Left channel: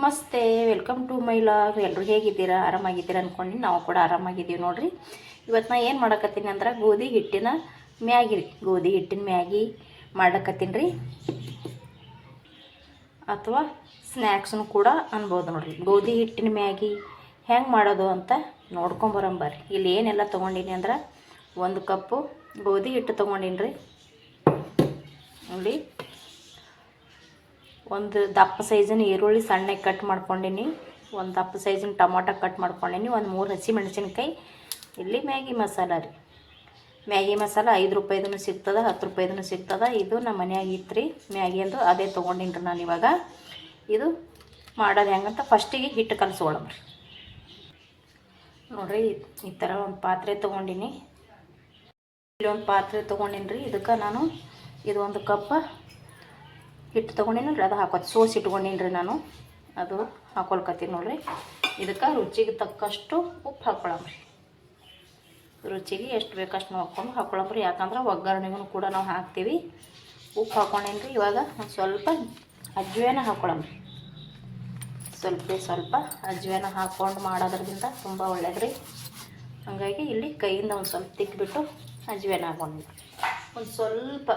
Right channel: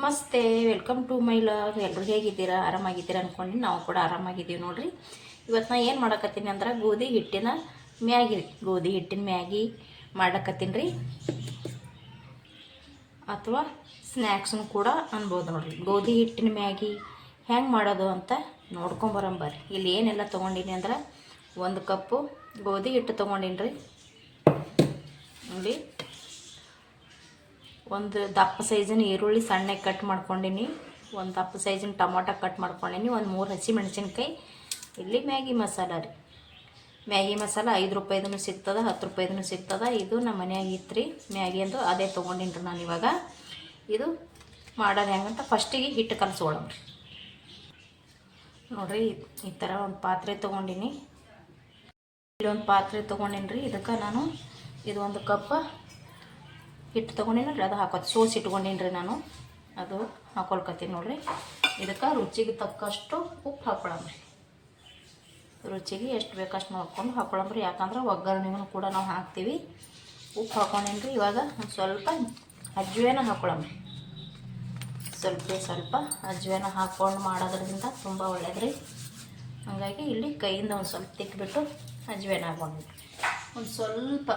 ನಮಸ್ತೆ welcome to my vlog ಎಲ್ಲರೂ ಹೇಗಿದ್ದೀರಾ? ಆರಾಮಾಗಿದ್ದೀರಾ ಅಂದ್ಕೊಂಡು ನಾವು ಕೂಡ ಆರಾಮಾಗಿದ್ದೀವಿ ನೋಡಿರಿ. ಇವತ್ತು ನಾ ಏನು ಮಾಡಕತ್ತೀನಿ ಅಂದ್ರೆ ಗೋಧಿ ಹಿಟ್ಟಿನ ಮ್ಯಾಗಿ ಗೋಧಿ ಹಿಟ್ಟಿನ ಮ್ಯಾಗಿ ಮಾಡಕತ್ತೀನಿ ರೀ. ಅಥವಾ ಸ್ನ್ಯಾಕ್ಸ್ನು ಕೂಡ ಅನ್ಬೋದು ನೋಡಿರಿ. ಗೋಧಿ ಹಿಟ್ಟಿನ ಮ್ಯಾಗಿ ಹೆಂಗೆ ಮಾಡೋದು ಅಂತ ನೋಡ್ಕೊಂಬರಂಬರ್ರಿ ಇಲ್ಲಿ ಏನೆಲ್ಲ ತೊಗೊಂಡಿನಿ ಅಂದ್ರೆ ಒಂದು ಕಪ್ಪು ಗೋಧಿ ಹಿಟ್ಟು ತೊಗೊಂಡಿನಿ ರೀ. ನೋಡಿ. ಒಂದು ದಪ್ಪ ಸೈಜಿನ ಈರುಳ್ಳಿ ಸಣ್ಣಗೆ ಕಟ್ ಮಾಡ್ಕೊಂಡೀನಿ. ಒಂದು ದಪ್ಪ ಸೈಜಿನ ಟೊಮಾಟೊ ಕಟ್ ಮಾಡ್ಕೊಂಡೀನಿ. ಒಂದು ಮೂರು ಹಸಿ ಮೆಣಸಿನ್ಕಾಯಿ. ಇಲ್ಲಿ ಮ್ಯಾಗಿ ಮಸಾಲ ರೀ. ಮ್ಯಾಗಿ ಮಸಾಲ ಐದು ರೂಪಾಯಿದೂ ಸಿಗ್ತದೆ, ಹತ್ತು ರೂಪಾಯಿದೂ ಸಿಗ್ತದೆ. ಇದು ನಮ್ಮ ಮನೆಯಾಗ ಇತ್ತು ರೀ ಮ್ಯಾಗಿ ಅಂದು ತೊಗೊಂಡಿನಿ ನಾನು ಇವಾಗ. ಇದು ಮಾಡೋದು ಹೆಂಗಂತ ಫಸ್ಟಿಗೆ ಹಿಟ್ಟು ಕಲಸ್ಕೊಳಮ್ರಿ ನೋಡಿರಿ, ಈ ಥರ ಒಂದು ಪಾತ್ರೆ ತೊಗೊಂಡೀನಿ. ಇಲ್ಲಿ ಒಂದು ಪಾತ್ರೆ ತೊಗೊಂಡಿನಿ ಇದಕ್ಕೆ ನಾನು ಇದು ಒಂದು ಕಪ್ ಹಿಟ್ಟು ತೊಗೊಂಡಿನಲ್ರಿ, ಅದು ಹಾಕೋದು. ಸೋಸಿ ಇಟ್ಕೊಂಡಿನ್ರಿ ನಾನು. ಅದು ಹಾಕೊಳ್ಕತ್ತೀನಿ ನೋಡ್ರಿ. ಇದಕ್ಕೆ ರುಚಿಗೆ ತಕ್ಕಷ್ಟು ಉಪ್ಪು ಹಾಕೊಳಮ್ರಿ ರುಚಿಗೆ ಎಷ್ಟು ಬೇಕಷ್ಟು ನೋಡ್ಕೊಂಡು ಹಾಕೊಳಮ್ರಿ ಯಾಕಂದ್ರೆ ಒಗ್ಗರಣೆಗೂ ಕೂಡ ನಾವು ಹಾಕ್ತೀವಿ. ಉಪ್ಪು ಹಾಕೊಂಡೇನಿ ರೀ ಇವಾಗ ಒಂದು ಸ್ವಲ್ಪ ಅಜ್ವೇನ ಹಾಕೊಳಮ್ರಿ ಸ್ವಲ್ಪ ಸ್ವಲ್ಪ ಅಜ್ವೇನ ಹಾಕ್ಕೊಂಡು ಮಾಡೋದ್ರಿಂದ ತುಂಬ ಒಳ್ಳೇದು ಹಾಗಾಗಿ ಇಲ್ಲಿ ಕೈಯಿಂದ ಒಂದು ಸ್ವಲ್ಪ ತಿಕ್ಬಿಟ್ಟು ಅಜ್ವೇನ ಹಾಕೊಂಡು ಒಂದು ಸ್ವಲ್ಪ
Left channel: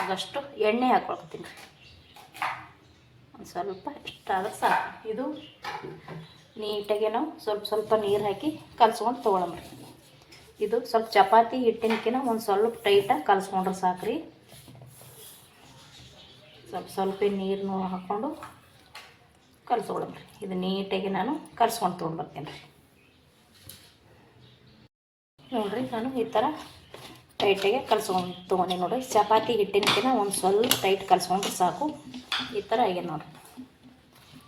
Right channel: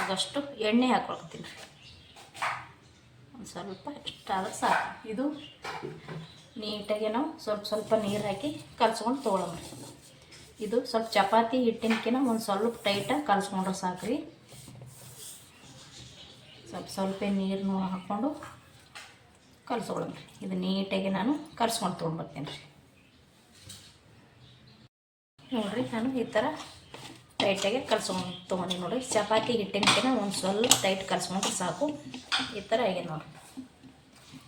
ಆದಷ್ಟು ಎಣ್ಣೆ ಹಾಕೊಳ್ತೀನಿ ಸ್ವಲ್ಪ ಇಷ್ಟಾದ್ರೆ ಸಾಕು ಇದು ನೀಟಾಗಿ ನಾವು ಸ್ವಲ್ಪ ಸ್ವಲ್ಪ ನೀರು ಹಾಕಿ ಕಲಸ್ಕೊಂಡು ತೊಗೊಳಮ್ರಿ ಇದು ಸ್ವಲ್ಪ ಚಪಾತಿ ಹಿಟ್ಟಿನಕಿನ ಒಂದು ಸ್ವಲ್ಪ ಟೈಟಾಗಿ ಕಲಸ್ಕೊಂಡ್ರೆ ಸಾಕು ರೀ ಸ್ವಲ್ಪ ಸ್ವಲ್ಪ ನೀರನ್ನು ಹಾಕ್ಕೊಂಡು ಕಲ್ಸ್ಕೊಳಮ್ರಿ ಇದು ನೀಟಾಗಿ ನಾನು ಕಲಸ್ಕೊಂಡು ತೊಗೊಂಡ್ಬರ್ತೀನಿ ರೀ. ನೋಡಿರಿ ನಾನು ಈ ಥರ ಟೈಟಾಗಿ ಕಲ್ಸ್ಕೊಂಡು ತೊಗೊಂಡೆ ನೋಡಿರಿ ಚಪಾತಿ ಹಿಟ್ಟಿನ ಒಂದು ಸ್ವಲ್ಪ ಟೈಟ್ ಕಲ್ಸ್ಕೊಂಡ್ರೆ ಸಾಕು. ಈ ಥರ ಆಗ್ಯದ ನೋಡಿರಿ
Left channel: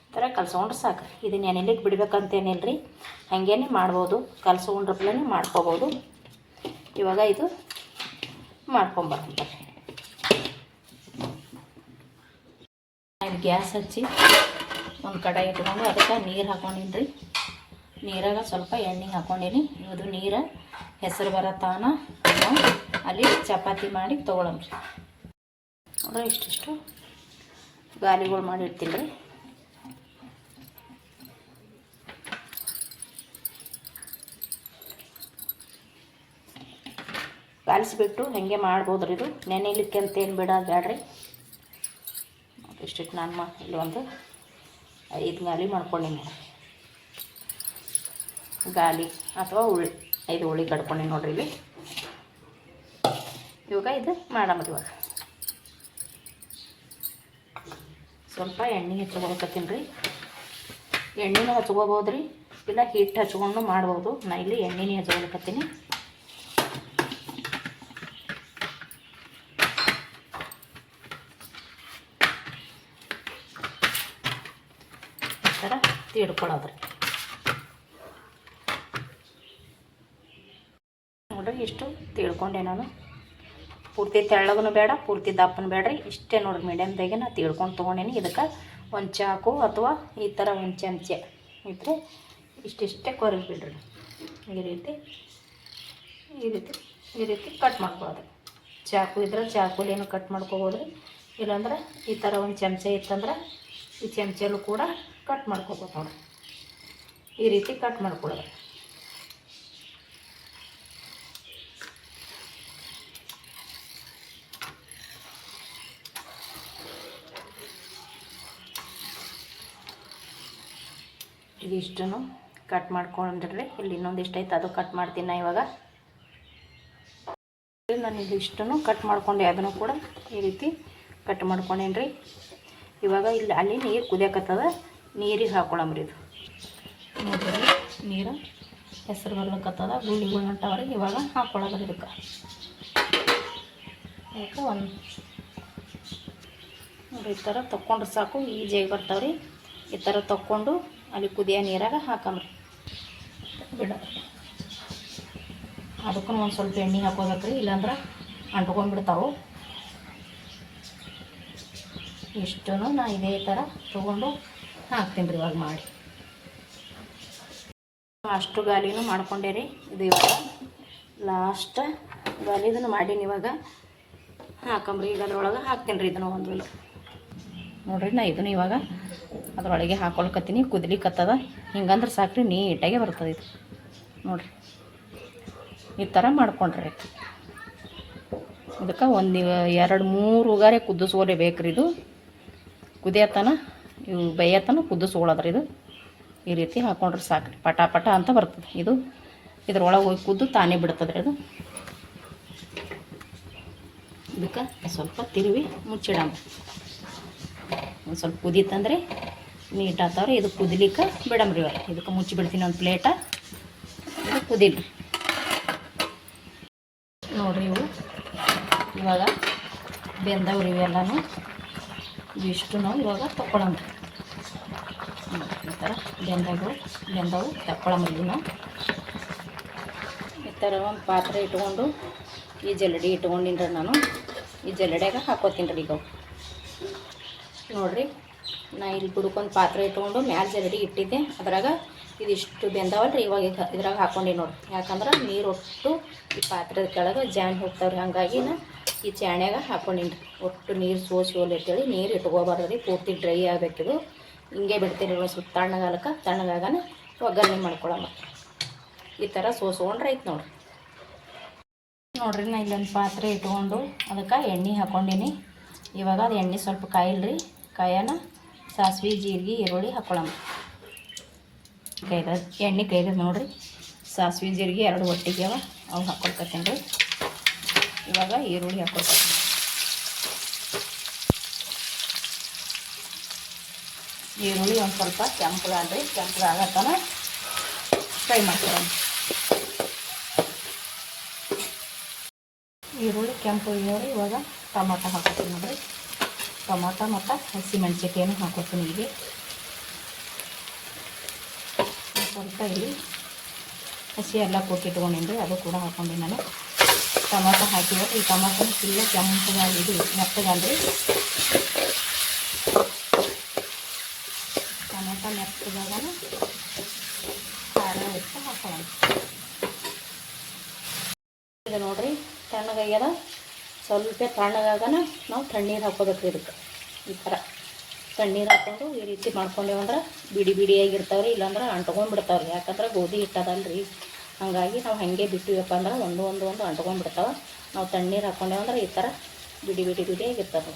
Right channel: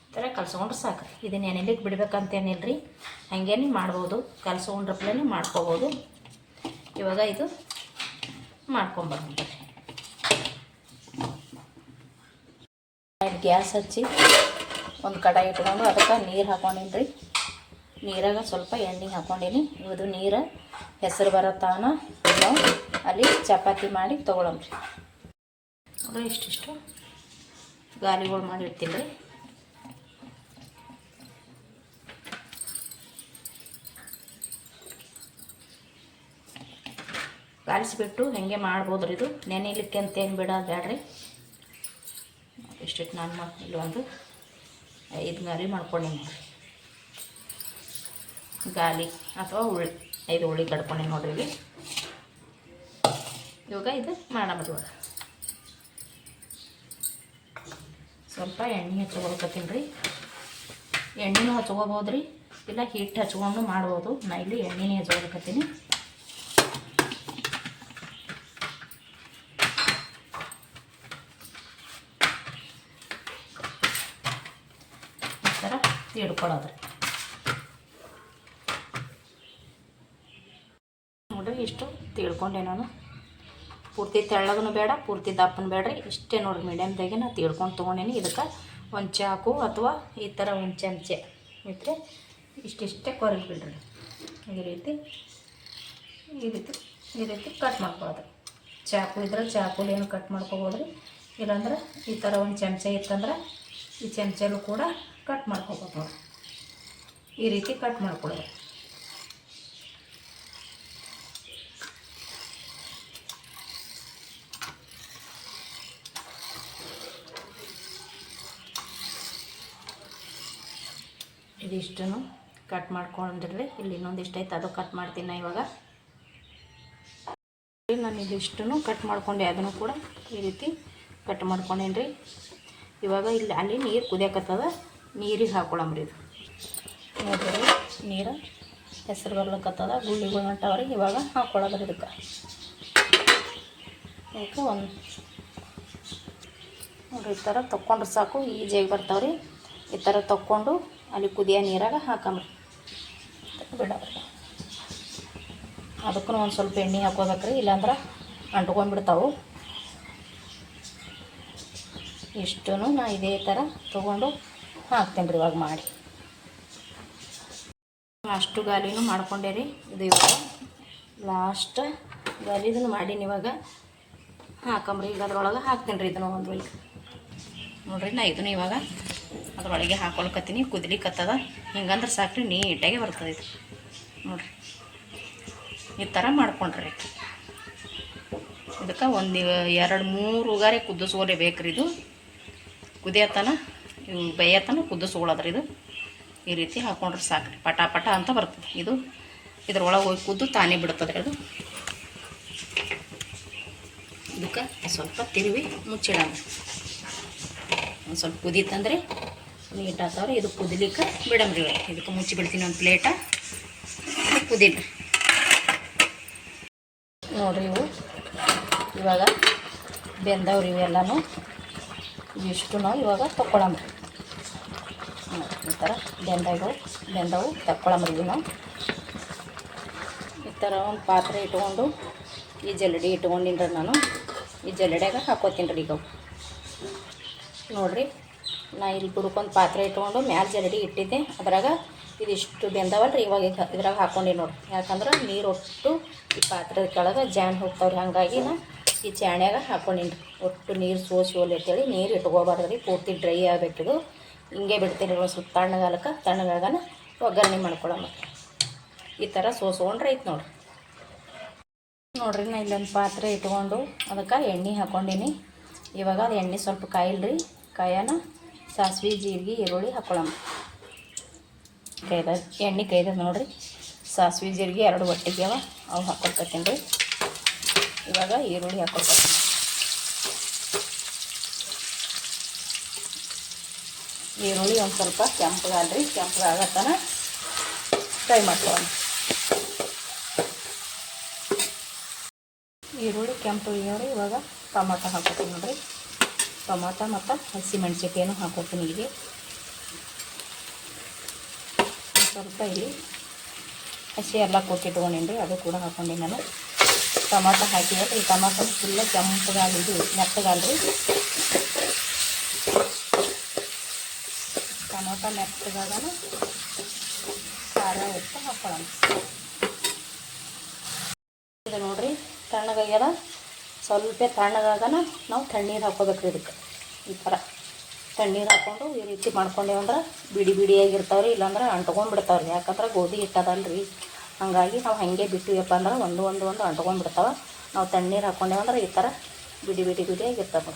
ಈ ಥರ ಕಲ್ಸ್ಕೊಂಡ್ರೆ ಸಾಕು. ಇದನ್ನ ಇದು ಬಿಡಬೇಕಂತೇನಿಲ್ಲ ರೀ ಹಾಗೇನೆ ಮಾಡ್ಬೋದು. ಕಲ್ಸ್ಕೊಂಡ್ರಪ್ಲೇ ಮಾಡ್ಕೋಬೋದು. ಇವಾಗ ಇದು ಮಾಡ್ಕೊಂಬರ್ರಿ ಗ್ಯಾಸ್ ಹಚ್ಚಿ ಒಂದು ಕಡಾಯಿ ಇಟ್ಕೊಂಡು ಅದಕ್ಕೆ ನೀರು ಹಾಕೊಂಡಿನಿ ರೀ ನೀರಾಗ ಸ್ವಲ್ಪ ಎಣ್ಣೆ ಹಾಕ್ಕೊಂಡಿನಿ ಇವದು ನೀರು ಹೆಸರು ಬರೋ ನಾವು ಅಲ್ಲಿ ಚಪಾತಿ ಮಾಡಿ ತೊಗೊಳಮ್ರಿ ನೋಡ್ರಿ ಇಷ್ಟಿಷ್ಟು ಗಾಲಿಗಳು ಮಾಡಿ ಇಡ್ತೀನಿ. ರೀ ಕಾಲಿಸ್ಬಿಟ್ಟು ಹಾಗೆ ಮಾಡ್ಬೋದ್ರಿ ಇದು. ನೆನೆಲಿಕ್ಕೆ ಅಂತ ಏನು ಬೇಡ್ರಿ ಇಷ್ಟಿಟ್ಟು ನಾನು ಮಾ ಇಲ್ಲಿ ಒಂದು ಐದು ಗಾಲಿ ಮಾಡ್ಕೊಂಡೀನಿ. ಗಾಲಿ ಅಥವಾ ಹುಳಿ ಐದು ಹುಳಿ ಕಡ್ಕೊಂಡೆ ನೋಡ್ರಿ ಇಲ್ಲಿ. ಇವಾಗ ಇದು ಮಾಡಮ್ರಿ ಇವಾಗ. ಸ್ವಲ್ಪ ಎಣ್ಣೆ ಹಚ್ಕೊಳಕತ್ತೀನಿ ರೀ ಎಣ್ಣೆನೂ ಹಚ್ಕೋಬೋದು ರೀ ಇಲ್ಲ ಹಿಟ್ಟು ಹಚ್ಕೊಂಡು ಮಾಡ್ಬೋದು. ನಾ ಇಲ್ಲಿ ಎಣ್ಣೆನೇ ಹಚ್ಕೊಳಕತ್ತೀನಿ ಈ ಥರ ತೀಡ್ಕೊಳ್ಳೋದ್ರಿ ನೋಡ್ರಿ ಇಷ್ಟು ತಿಳ್ಕೊಂಡೆ ನಾನು. ಪೂರ್ತಿ ತೆಳ್ಳಗನು ಬೇಡ, ಪೂರ್ತಿ ದಪ್ಪನ ಬೇಡ್ರಿ. ಇಷ್ಟೇ ನೋಡ್ರಿ ಮೀಡಿಯಮ್ದಾಗೆ ನಾ ತಿಳ್ಕೊಂಡು ತೊಗೊಂಡೇನಿ. ಇದಕ್ಕೆ ಒಂದು ಚಾಕು ಅಥವಾ ಈ ಥರ ಒಂದು ಚಮಚೆ ಇದ್ರೆ ಇಷ್ಟಿಷ್ಟೇ ಕೊರಗಿ ಬಿಡ್ರಿ. ಈ ರೀತಿ ಈ ರೀತಿ ಈ ರೀತಿ ಕಟ್ ಮಾಡ್ಬೋದು ಚಾಕು ಇದ್ರೆ ಚಾಕುಲೇನು ಕಟ್ ಮಾಡ್ಕೊಬೋದು ರೀ ಇಲ್ಲಾಂದ್ರೆ ಈ ಥರ ಒಂದು ಚಮಚ ಇತ್ತಂದ್ರೆ ಈ ಚಮಚಲ್ಲೂ ಕೂಡ ಕಟ್ ಮಾಡ್ಕೊಬೋದು ಈ ರೀತಿ ಕಟ್ ಮಾಡ್ಕೊಳ್ಳೋದು ಇದಿಷ್ಟನ್ನು ಕಟ್ ಮಾಡ್ಕೊಂಡ್ರೆ ಇಲ್ಲಿ ಇನ್ನೊಂದಿಷ್ಟು ಐತೆ ಅದು ಕಟ್ ಮಾಡ್ತೀನಿ ನಾ ಇವಾಗ ನಾನು ಇದಿಷ್ಟನ್ನು ಕಟ್ ಮಾಡ್ಕೊಂಡೆ, ಅದನ್ನು ಕೂಡ ಈ ರೀತಿ ಕಟ್ ಮಾಡ್ಕೊಂಡೇನ್ರಿ. ಇವಾಗ ಇಲ್ಲಿ ಅಲ್ಲಿ ನೀರು ಕುದಿಯಕತ್ತದ, ನೀರಿಗೆ ಹಾಕೊಳಮ್ರಿ ಇದು. ನೋಡ್ರಿ, ನೀರು ಹೆಸರು ಬರ್ಲಕತ್ತದ ಗುಳ್ಳಿಗಳು ಹೊಂಟವ್ರಿ ಇವಾಗ ಹಾಕೊಳ್ಳೋದ್ರಿ ಇದಕ್ಕೆ. ಇದಕ್ಕೆ ಒಂದು ನೋಡ್ರಿ, ಈ ಥರ ತೊಗೊಂಡ್ರೆ ಸಾಕು, ಈಜಿಯಾಗಿ ಬರ್ತಾವ್ರಿ. ಈ ಥರ ತೊಗೊಂಡು ಅಲ್ಲಿ ಕುದಿಯೋ ನೀರಾಗ ಹಾಕಂಬ್ರಿ. ಬಿಡೋದ್ರಿ. ಅದಕ್ಕೂ ಒಂದು ಸ್ವಲ್ಪ ಎಣ್ಣೆ ಹಾಕೋಬೇಕ್ರಿ, ಇಲ್ಲಾಂದ್ರೆ ಅಂಟ್ಕೊಂಡ್ಬಿಡ್ತಾವೆ. ಇಷ್ಟೂ ನಾ ಇದೇ ಥರ ತೊಗೊಂಡು ಹಾಕ್ತೀನಿ ರೀ ಇವಾಗ ಮಾಡಿ. ಅಷ್ಟು ಗಾಲಿನೂ ಮಾಡ್ಕೊಂಡೆ ರೀ ಇದು ಇವಾಗ. ಲಾಸ್ಟ್ ಗಾಲಿದನ್ನು ಮಾಡೀನಿ ಇವಾಗ. ಹಾಕಂಬ್ರಿ ಈಗ ಅದ್ರೊಳಗೆ ಹಾಕ್ತೀನಿ ರೀ ಇದನ್ನು ಒಂದು ನೋಡ್ರಿ ನಾ ಇದನ್ನು ಇವಾಗ ಅದ್ರೊಳಗೆ ಹಾಕೊಳ್ಕತ್ತೀನಿ ಕುದಿಲಿಕ್ಕತ್ತದ ಹಿಂಗಂದ್ರೆ ಸಾಕ್ರಿ, ನೀಟಾಗೆ ಬರ್ತದೆ ಇದು. ನೋಡಿರಿ. ಈ ಥರ ಮಾಡ್ಕೊಂಡ್ರಿ ಇದಕ್ಕೆ ಒಂದು ಎರಡು ಮೂರು ಉಗಾರೆ ಕುದಿಸ್ಕೋಲೇಬೇಕ್ರಿ ಇದು. ಕುದಿಯತನ, ಇವು ಬೇಯತನ ಕುದಿಸ್ಕೊಳ್ಳೋದ್ರಿ ಇದು. ಈ ರೀತಿ ಹಾಕೊಂಡ್ರೆ ಸಾಕ್ರಿ. ಪಟ ಪಟ ಅಂತ ಬರ್ತದೆ ಇದು. ಇದ್ರೊಳಗೆ ಹೋಗಿ ಕುದ್ದು ತಾನೇ ಬಿಡ್ತದೆ ಅದು. ಇದಕ್ಕೆ ಸ್ವಲ್ಪ ತಿರುವಿ ಮುಚ್ಚಿಡೋಣ. ಒಂದು ಸ್ವಲ್ಪ ಕುದೀತಂದ್ರೆ ನೀಟ್ ಆತಾವ್ರಿ ಇದು ಕುದಿಲಿಕ್ಕೆ ಬಿಡಮ್ರಿ ಇವಾಗ ಇದಕ್ಕೆ ಮುಚ್ಚಿ ಬಿಡ್ತೀನಿ ಒಂದು ಪ್ಲೇಟ. ಇದು ಕುದೀಲಿ. ನೋಡ್ರಿ ಇವು ಇವಾಗ ಬೆಂದವ್ರಿ ಇವೆಲ್ಲನೂ ಇವಿಷ್ಟು ನಾವು ಇವಾಗ ತಗೊಳಮ್ರಿ ನೋಡ್ರಿ ಈ ಥರ ಬೆಂದವು ಬೆಂದವು ತಕ್ಕೊಳಮ್ರಿ ನಾವು. ಈ ಥರ ಒಂದು ಪಾತ್ರೆ ಇಟ್ಕೊಂಡು, ಈ ಜಲಡಿ ಇಟ್ಕೊಂಡಿನ್ರಿ ನಾನು. ಈ ಜಲ್ಲಡ್ಯಾಗ ಹಾಕೋತೀನಿ ರೀ ಈಗ. ನೋಡ್ರಿ. ನಾ ಇಲ್ಲಿ ಬುಡಕ್ಕೊಂದು ಪಾತ್ರೆ ಇಟ್ಕೊಂಡು ಮ್ಯಾಲೆ ಜರಡಿ ಇಟ್ಟಿದ್ದೆ. ಅದ್ರಾಗ ಇದಿಷ್ಟು ಬೆಂದವಲ್ರಿ, ಇವಾಗ ಇದ್- ಇದ್ರಾಗ ಹಾಕೊಂಡಿ ನೋಡಿರಿ ಯಾಕಂದ್ರೆ ನೀರು ಒಟ್ಟು ಈ ಪಾತ್ರದ ಕೆಳಗೆ ಜಾನ್ ಹೋಗ್ತಾವ್ರಿ. ಹಾಗಾಗಿ ನಾ ಈ ಚಾಣ್ಯಾಗ ಹಾಕೊಂಡಿನಿ ಒಟ್ಟು ನೀರು ಸೋಸಿ ಹೋಲಿ ಅಂತೇಳಿ ನೀರು ಇಟ್ಕೋಬಾರ್ದು ರೀ ಪೂರ್ತಿ ಡ್ರೈ ಆಗಬೇಕಿದು ಹಿಂಗೆ ಬಿಡ್ತೀನಿ ಸ್ವಲ್ಪ ತಣ್ಣಗಾಲಕ್ಕೆ. ತಣ್ಣಗಾಗನ ಒಗ್ಗರಣೆ ಮಾಡ್ಕೊಳಮ್ಮ ಈ ಥರ ಸೋಸ್ಕೊಂಡ್ರೆ ಐತೆ ನೋಡ್ರಿ. ನೋಡ್ರಿ ನಾ ಇಲ್ಲೊಂದು ಪಾತ್ರೆ ಇಟ್ಕೊಂಡು ಅದಕ್ಕೆ ಎಣ್ಣೆ ಹಾಕ್ಕೊಂಡಿನಿ ಇವಾಗ ಅದು ಎಣ್ಣೆ ಸ್ವಲ್ಪ ಕಾಯಿಲ್ರಿ. ಕಾಯನ ಸಾಸ್ವೆ, ಜೀರಿಗೆ, ಈರುಳ್ಳಿ ಹಾಕೊಳ್ಳಮ್ಮ ಕೈದ ಎಣ್ಣೆ ಕೈದ ನೋಡ್ರಿ. ಸಾಸಿವೆ, ಜೀರಿಗೆ ಎರಡು ಒಟ್ಟಿಗೆ ಅವ. ಅವು ಹಾಕ್ಕೊಳ್ಕತ್ತೀನಿ ರೀ. ಇವಾಗ ಈರುಳ್ಳಿ ಹಾಕ್ಕೊಳ್ಕತ್ತೀನಿ ಈರುಳ್ಳಿ ಒಂದು ಸ್ವಲ್ಪ ಕೆಂಪಗಾಲ್ರಿ ಕೆಂಪಗಾಗತ್ತನ ಫ್ರೈ ಮಾಡ್ಕೊಳ್ಳೋಣ ಈರುಳ್ಳಿ ಕೆಂಪು ಇವಾಗ ಟೊಮಾಟೊ ಹಾಕೋತೀನಿ ನೋಡ್ರಿ. ಟೊಮಾಟೊ ಮತ್ತು ಹಸಿಮೆಣ್ಸಿಕಾಯನ್ನು ಹಾಕೋತೀನಿ ಒಂದ್ ಸ್ವಲ್ಪ ಇಲ್ಲಿ ಹಸಿ ಎಲ್ಲ ತೊಗೊಂಡೇನಿ ರೀ, ಅದು ಕೂಡ ಹಾಕೊಂಡಿ ನಾನು. ಟೊಮಾಟೊ ಹಾಕಿದ್ರೆ ಈ ಟೊಮಾಟೊ ಫುಲ್ಲ ಕೆಂಪಗಾಲಿ ಇದು ಮೆತ್ತಗಾಲ್ರಿ ಟೊಮಾಟೊ ನೆಪ್ಪದಾಗ ಖಾರ ಉಪ್ಪು ಹಾಕೊಳ್ಳೋಣ. ಇದು ನೋಡ್ರಿ ತಣ್ಣಗಾಗ್ಯದ. ಸ್ವಲ್ಪ ತಣ್ಣಗಾಗನ ನಾವು ತಣ್ಣೀರು ಹಾಕೋಬೇಕು ಇದಕ್ಕೆ. ಈ ಥರ ತಣ್ಣೀರು ಹಾಕ್ಕೊಂಡು ಈ ರೀತಿ ಮಾಡ್ಕೊಂಡೇವು ಅಂದ್ರೆ ಬಿಡಿ ಬಿಡಿಯಾಗಿರ್ತಾವ್ರಿ, ಇಲ್ಲಾಂದ್ರೆ ಅಂಟ್ಕೊಂಡ್ಬಿಡ್ತಾವ್ರಿ. ಯಾಕಂದ್ರೆ ಗೋಧಿ ಹಿಟ್ಟದಲ್ರಿ. ಹಾಗಾಗಿ ನಾವು ಹಾಗೆ ಬಿಟ್ಟಿವಪ್ಪ ಅಂದ್ರೆ ಒಂದು ಒಂದು ಒಂದು ಅಂಟ್ಕೊಂಡ್ಬಿಡ್ತಾವೆ. ನಾವು ತಣ್ಣೀರು ಹಾಕ್ಕೊಂಡೇವಂದ್ರೆ ಈ ಥರ ಬಿಡಿ ಬಿಡಿ ಬಿಡಿಯಾಗಿರ್ತಾವೆ.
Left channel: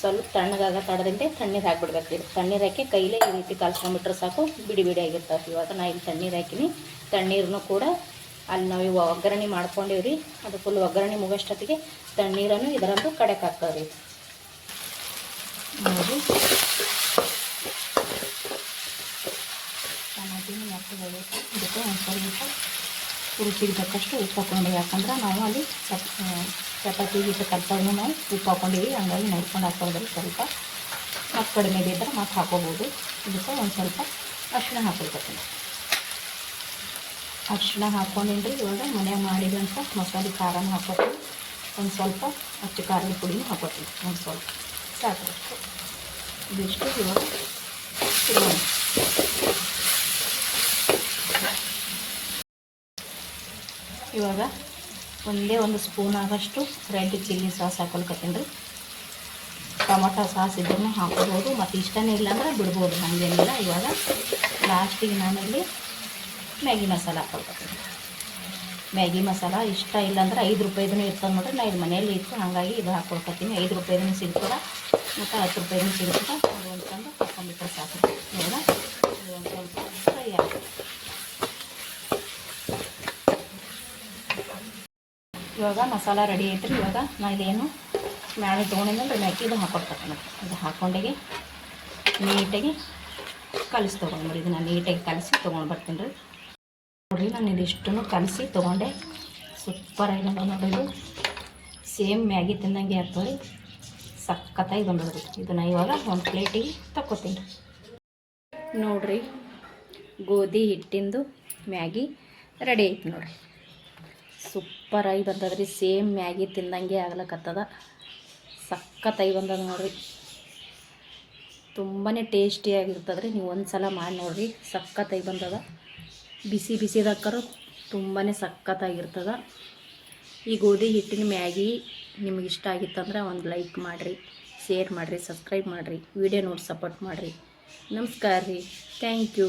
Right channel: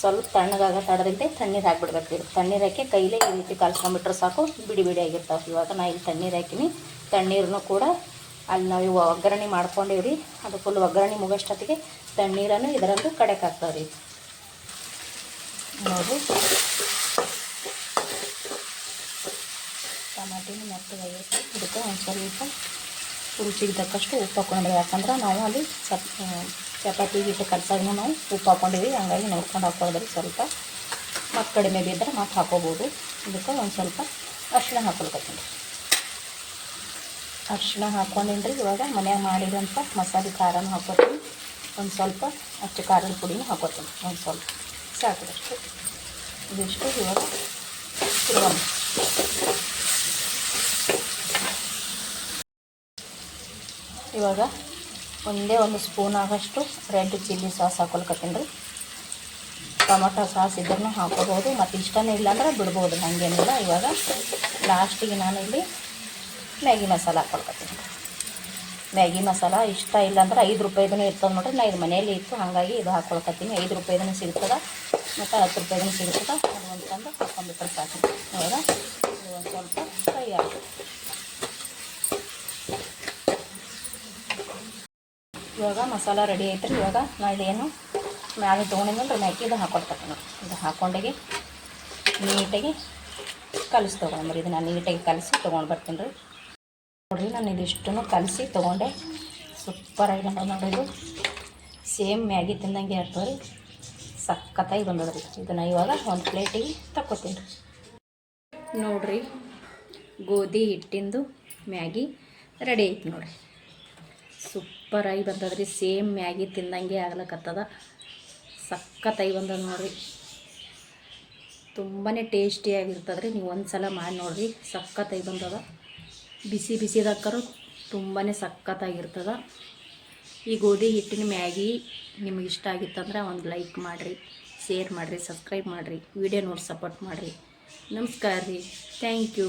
ಸ್ವಲ್ಪ ತಣ್ಣಗಾಗ ತಡದಂತೆ ತಣ್ಣೀರು ಹಾಕ್ಬಿಡ್ಬೇಕು ರೀ ತಣ್ಣೀರು ಹಾಕಿ ಕೈಲೇ ಈ ರೀತಿ ಕಲ್ಸ್ಕೊಂಡ್ಬಿಟ್ರೆ ಸಾಕು, ಬಿಡಿ ಬಿಡಿಯಾಗಿರ್ತಾವೆ ಇವಾಗ ನಾ ಇಲ್ಲಿ ತಣ್ಣೀರು ಹಾಕಿನಿ. ತಣ್ಣೀರನ್ನು ಕೂಡ ಅಲ್ಲಿ ನಾವು ಇವು ಒಗ್ಗರಣೆ ರೀ. ಅದು ಫುಲ್ ಒಗ್ಗರಣೆ ಮುಗೋಷ್ಟೊತ್ತಿಗೆ ತಣ್ಣೀರನ್ನು ಇದರಂದು ಕಡೆಗೆ ಇದು ನೋಡಿ. ಟಮಾಟಿನೂ ಮತ್ತು ಇದಕ್ಕೆ ಒಂದು ಸ್ವಲ್ಪ ರುಚಿಗೆ ತಕ್ಕಷ್ಟು ಉಪ್ಪು ಹಾಕೊಂಡ್ರಿ ಯಾಕಂದ್ರೆ ನಾವು ಅಲ್ಲಿ ಚಪ್ ಚಪಾತಿ ಗೀಟ ಕಲ್ಸಾಗೂ ನಾವು ಉಪ್ಪು ಹಾಕೊಂಡಿವಿ ಹಂಗಾಗಿ ನೋಡ್ಕೊಂಡು ಹಾಕೋದ್ರಿ ಸ್ವಲ್ಪ. ಮತ್ತು ಕಡಿಮೆ ಬಿದ್ದರೆ ಮತ್ತೆ ಹಾಕೋಬೋದು. ಇದಕ್ಕೆ ಒಂದು ಸ್ವಲ್ಪ ಅರಿಶಿಣ ಹಾಕೊಳ್ಕೊತೀನಿ ಅರಿಶಿಣ ರೀ ಇವಾಗ ಮನ್ಯಾಗ ಮಾಡಿದಂಥ ಮಸಾಲೆ ಖಾರನೂ ಹಾಕೋತೀನಿ ಒಂದು ಸ್ವಲ್ಪ ಅಚ್ಚ ಖಾರದ ಪುಡಿನೂ ಹಾಕೋತೀನಿ ಒಂದು ಸ್ವಲ್ಪ. ಸಾಕು ಇದಿಷ್ಟು ಇವಾಗ ತಿರುಗೋಣ ಇವಾಗ ಒಂದೇ ಒಂದು ಸ್ಪೂನ್ ಆಗಷ್ಟು ರೆಡ್ ಚಿಲ್ಲಿ ಸಾಸ್ ಹಾಕೊಳ್ಕತ್ತೀನಿ ರೀ. ಟೊಮೊಟೊ ಸಾಸ್ ಇದ್ರೂ ಹಾಕೋಬೋದು ಮತ್ತು ಇಷ್ಟನೇ ಇಲ್ಲ ಅಂದ್ರೆ ಬಿಡ್ಬೋದು. ಹಾಗೇನಿಲ್ಲ ಇವಾಗ ಲಾಸ್ಟಿಗೆ ನಾನು ಇಲ್ಲಿ ಮ್ಯಾಗಿ ಮಸಾಲ ಹಾಕೊಳ್ಕತ್ತೀನಿ ಮ್ಯಾಗಿ ಮಸಾಲ ಇಷ್ಟ ಇಲ್ಲ ಅಂದ್ರೆ ಐದು ರೂಪಾಯಿದೂ ಇರ್ತದೆ ನೋಡ್ರಿ. ನಾ ಇದು ಮನೆಯಲ್ಲಿ ಇತ್ತು ಹಾಗಾಗಿ ಇದು ಹಾಕೊಳ್ಕತ್ತೀನಿ ಐದು ರೂಪಾಯಿದೂ ಸಿಗ್ತದೆ. ಮತ್ತು ಹತ್ತು ರೂಪಾಯಿದೂ ಸಿಗ್ತದೆ. ಅದು ಒಂದು ಹಾಕೊಂಡ್ಬಿಟ್ರೆ ಸಾಕು ಇವಾಗ ಒಂದು ಸ್ವಲ್ಪ ಫ್ರೈ ಇವಾಗ ಮಸಾಲ ರೆಡಿ ಐತ್ರಿ. ಇವಾಗ ನಾ ಇದೇನು ಮ್ಯಾಲೆ ತೊಗೊಂಡಿದ್ದಂದ್ರೆ ಮ್ಯಾಕಿ ಇದು ಹಾಕೊಡ್ತೀನಿ ನೋಡಿ ಇದು ಹಾಕೊಂಡಿಗೆ ನೀಟಾಗಿ ಕಲಿಸಿ ತೊಗೊಂಡ್ರಿ ಇದನ್ನು ನೀಟಾಗಿ ಕಲಸಿ ತೊಗೊಂಡು ಬರ್ತೀನಿ ರೀ. ನೋಡಿರಿ ನಾನು ಇದಿಷ್ಟನ್ನು ಕಲಸಿ ತೊಗೊಂಡೆ. ಸೂಪರಾಗಿ ಬಂದ ನೋಡಿ ಇದು. ಸೇಮ್ ಮ್ಯಾಗಿ ತಿಂದಂಗೆ ಆಗ್ತದೆ ರೀ ಸಖತ್ತಾಗಿ ಬಂದದ್ರಿ. ಇದನ್ನು ಇವಾಗ ಒಂದು ಪ್ಲೇಟಿಗೆ ತಕ್ಕೋತೀನಿ. ರೀ ನೋಡ್ರಿ, ಗೋಧಿ ಹಿಟ್ಟಿಂದು ಮ್ಯಾಗಿ ರೆಡಿ ಐತಿ ನೋಡ್ರಿ. ಸೂಪರಾಗಿ ಬಂದದ್ರಿ. ಸೇಮ್ ಮ್ಯಾಗಿ ತಿಂದಂಗೆ ಆಗ್ಲಕ್ಕತ್ತದ ಸಖತ್ತಾಗಿ ಬಂದದ ನೋಡ್ರಿ. ತುಂಬಾ ಟೇಸ್ಟಿಯಾಗಿರ್ತದ್ರಿ ನೀವು ಒಂದು ಸಲ ಮಾಡಿ ನೋಡ್ರಿ. ಸಖತ್ತಾಗಿ ಬಂದದ. ಬಿಸಿ ಬಿಸಿದಾಕರು ತುಂಬಾ ಸಖತ್ತಾಗಿರ್ತದೆ. ಈ ಗೋಧಿ ಹಿಟ್ಟಿನ ಮ್ಯಾಗಿ ನಿಮ್ಗೆ ಇಷ್ಟ ಆಗಿತ್ತಂದ್ರೆ ಒಂದು ಲೈಕ್ ಮಾಡಿರಿ, ಶೇರ್ ಮಾಡಿರಿ, ಸಬ್ಸ್ಕ್ರೈಬ್ ಮಾಡಿರಿ, ವಿಡಿಯೋ ನೋಡಿ ಸಪೋರ್ಟ್ ಮಾಡಿರಿ. ನಮಸ್ಕಾರ ರೀ. Thank you.